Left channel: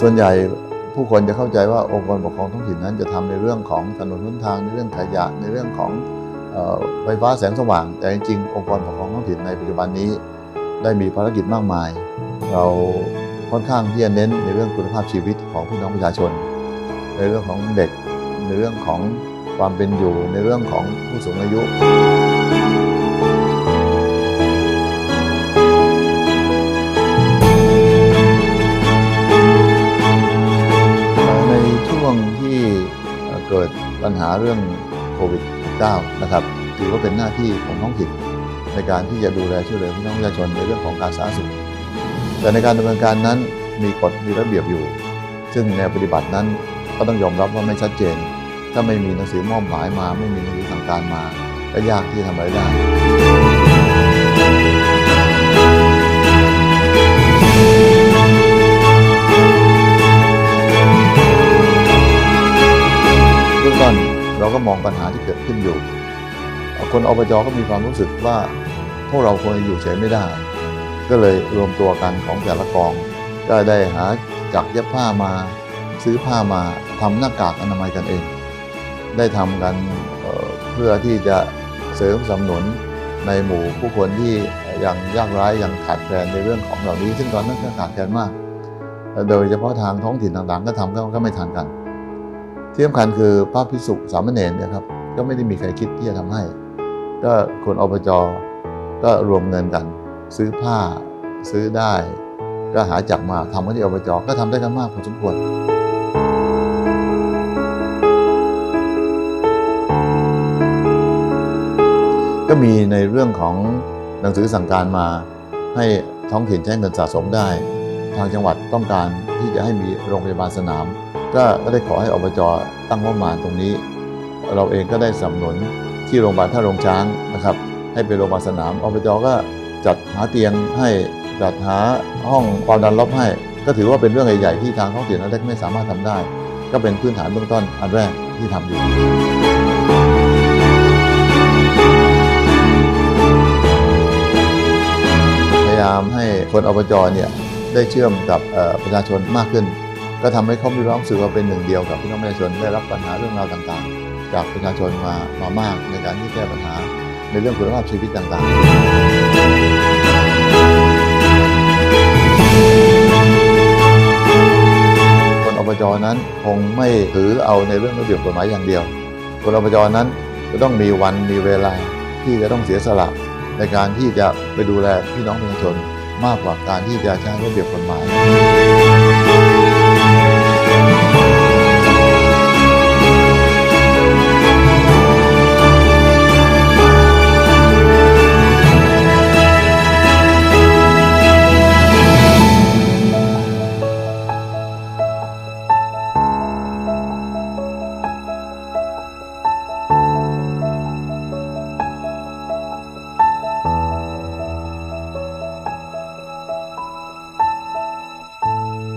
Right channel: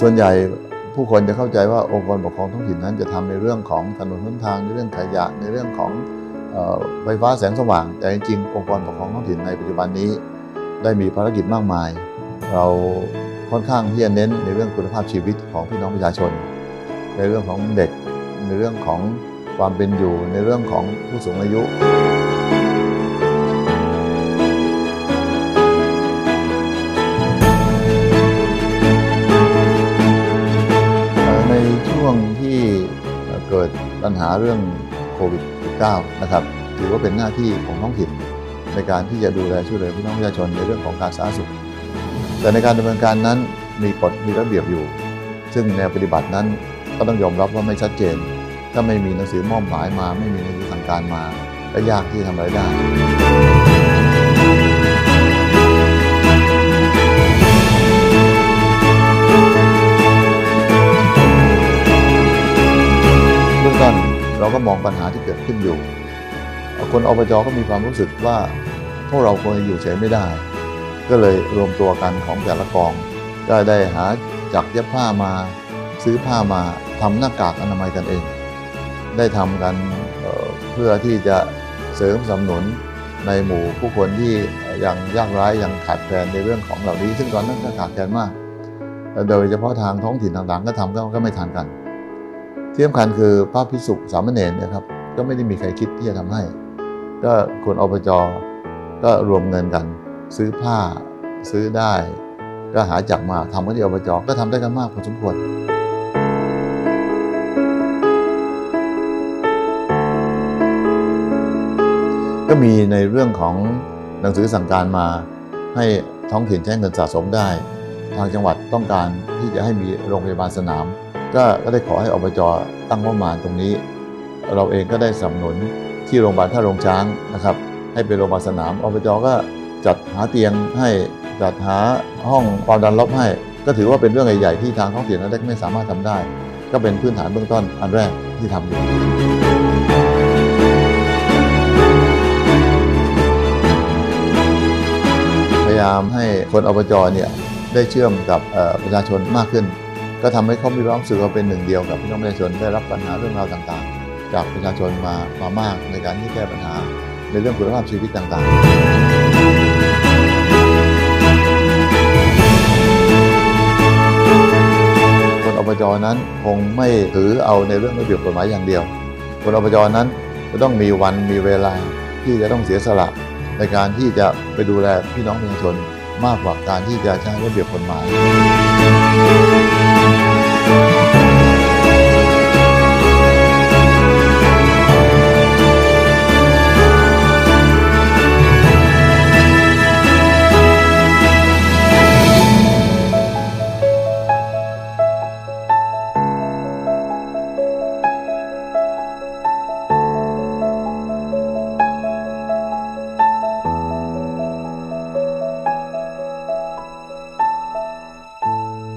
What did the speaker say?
ส่วนใหญ่ผู้คนจะเข้าใจว่าองค์กรปกครองท้องถิ่นนั้นจะทำในเรื่องของถนนหนทางในเรื่องขยะในเรื่องของไฟฟ้าแสงสว่าง แต่จริงๆองค์กรปกครองท้องถิ่นในปัจจุบันนี้ ได้มีภารกิจมากมาย เราค่อนข้างที่จะเน้นในเรื่องคุณภาพชีวิตของพี่น้องประชาชน ในเรื่องของเด็กในเรื่องของความเป็นอยู่ในเรื่องของผู้สูงอายุ ในช่วงที่เกิดปัญหาเรื่องโควิด -19 นะครับ ถือว่าเป็นหน้าที่ของท้องถิ่นในการที่จะดูแลช่วยเหลือพี่น้องประชาชนในเรื่องของการสาธารณสุข แต่ในการดำเนินการนั้นมีกฎมีระเบียบอยู่ ซึ่งแนวปฏิบัตินั้นก็ต้องยอมรับว่าไม่ชัดเจน ถ้าไม่มีหนังสือมอบหมายมา ไม่มีหนังสือสั่งการมาก็ยากที่จะทำอะไรได้ เบื้องต้นเราก็มองปัญหาที่เกิดขึ้นอยู่ คนอบจก็มีความรู้สึกว่าพวกเราควรจะอยู่เฉยไม่ได้ ก็เลยรวมตัวกันของแต่ละกอง ก็ได้หาจักเย็บผ้ามาซื้อผ้ามาทำหน้ากากอนามัยกันเอง ได้ทำกันเพื่อที่จะเสริมสนับสนุนในหมู่ผู้คนที่ยังยากไร้ยังขาดแคลนในเรื่องของเหล่านี้ ซึ่งตอนนั้นก็ขาดแคลนมาก โดยเฉพาะทางท้องถิ่นต่างๆ ก็ทำกก็ไม่ทันกัน ที่สำคัญคือพระพิสุสามเณรเนี่ยครับก็ไม่ได้มีใครคิดที่จะทำให้ ก็คนอบจก็รวมเงินกัน ซื้อผ้าซื้อได้ ก็หาจักรมาทำกันที่อบจก็ทำได้กันมากพอสมควรก็มีในเรื่องของหนังสือสั่งการมาให้ท้องถิ่นใช้เงินสะสมได้ ทางจังหวัดต้องการที่จะให้มีโรงพยาบาลสนาม ก็ก็ได้ขอให้อบจตั้งงบประมาณตรงนี้ เราเองก็ได้สนับสนุนที่โรงพยาบาลท่าโรงช้างนะครับ ให้เป็นโรงพยาบาลสนามอบจก็จัดหาเตียงให้จัดหาห้องความดันลบให้ ก็ถือว่าเป็นเรื่องใหญ่ๆที่ทางท้องถิ่นนั้นไม่สามารถทำได้ ก็เป็นพื้นฐานเบื้องต้นอันแรกที่ทำอยู่พยายามให้คนอบจเนี่ยได้เชื่อมกับประชาชนมากขึ้น ก็ทำให้เขามีความรู้สึกว่าเป็นหนึ่งเดียวกับพี่น้องประชาชนได้รับปัญหาเรื่องราวต่างๆ จากประชาชนมามามากในการที่แก้ปัญหาในเรื่องคุณภาพชีวิตต่างๆคนอบจนั้นคงไม่ถือเอาในเรื่องระเบียบกฎหมายอย่างเดียว คนอบจนั้นจะต้องมีวันมีเวลาที่จะต้องเสียสละในการที่จะไปดูแลพี่น้องประชาชนมากกว่าการที่จะใช้ระเบียบกฎหมาย Música